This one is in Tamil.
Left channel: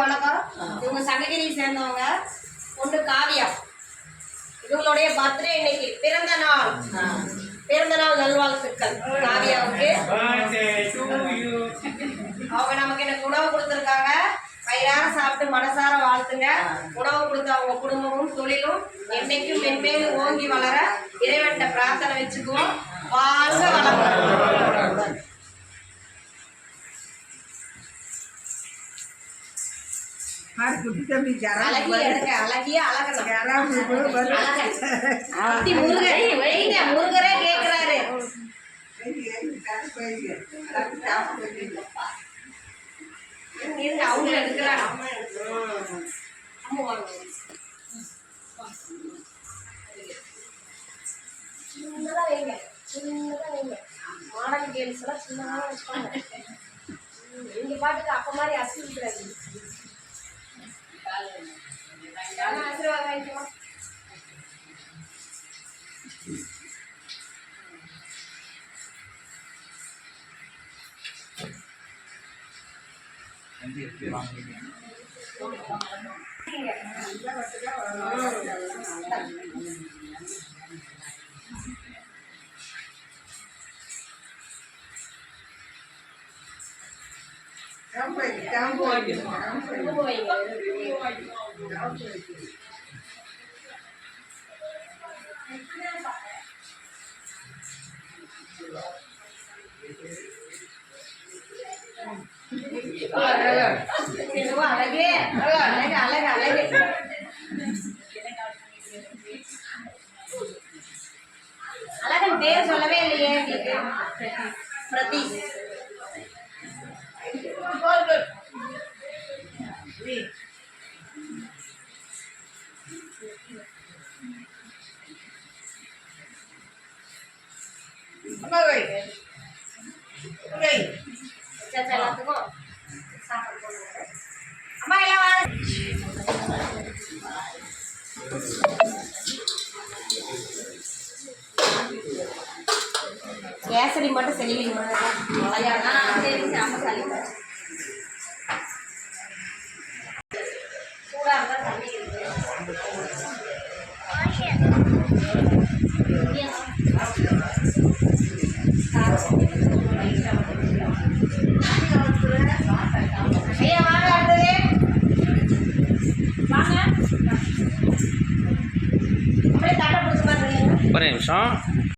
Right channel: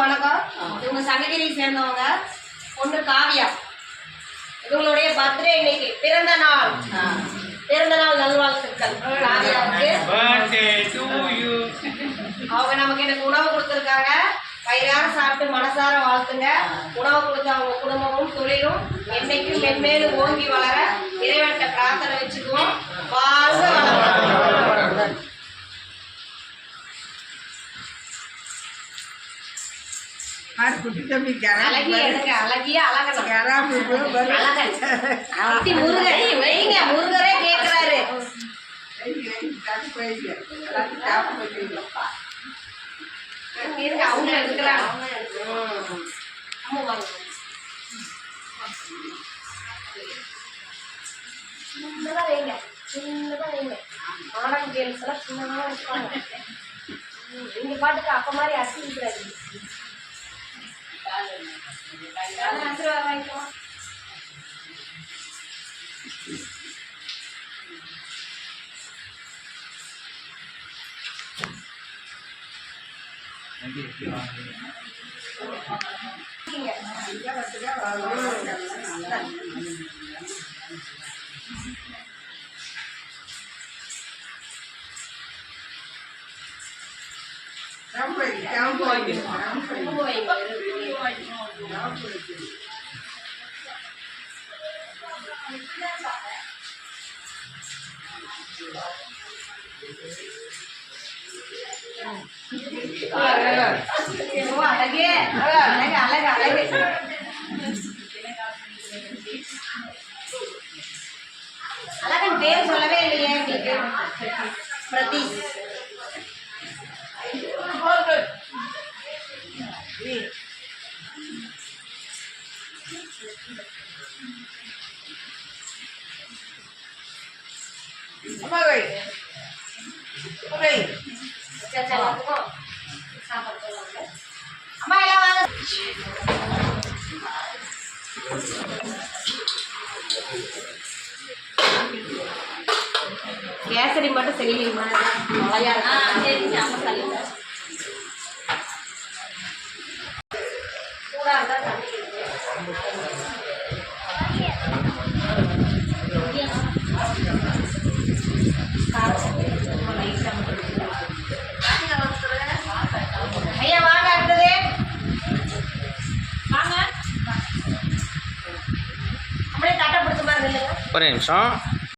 எல்லாருக்கும் வணக்கம். இவங்க சங்ககிரியை சேர்ந்தவங்க. பொண்ணு காவியா, இவங்களுடைய பர்த்டே இன்னைக்கு. பிறந்த நாள் நல்வாழ்த்துக்கள் காவியாவுக்கு. அவங்க நமக்கு எனக்கு உணவு கொடுத்துருக்காங்க. வயிறார சாப்பிட்டு மனசார வாழ்த்துங்க. உணவு கொடுத்த அவங்க குடும்பமும் தொழிலும் என்னைக்கும் மென்மேலும் ஓங்கி வளர இறைவன்கிட்ட பிரார்த்தனை வச்சுக்குவோம். வாழ்க வளர்ந்து. முருகரே கேட்கிறாரு. அவங்க எடுக்கிறாங்க. சின்னதா வைங்க, சின்னதா வைங்க. மாடர்ன் கேர்ள்ஸ் எல்லாம் சின்னதா வச்சுப்பாங்க. நீங்க பாட்டுக்கு அப்ப மாதிரி அசிக்கிறாரு. ஆசீர்வாதம் வாங்கிக்கலாம். அழகன் பேர் சொல்லவே இல்லையே பிரதீஷ். எல்லாத்துக்கும் சாப்பாடு போடுவாங்க. அம்மா எல்லாம் கேசரி மட்டும் செல்லிங்க. சூடா இருந்தா தண்ணி ஐயா வாங்க. அடுத்தது வாங்க. அப்படியே தட்டை பிடிச்ச மாதிரி இல்லைங்க. ஒரு நிமிஷம்.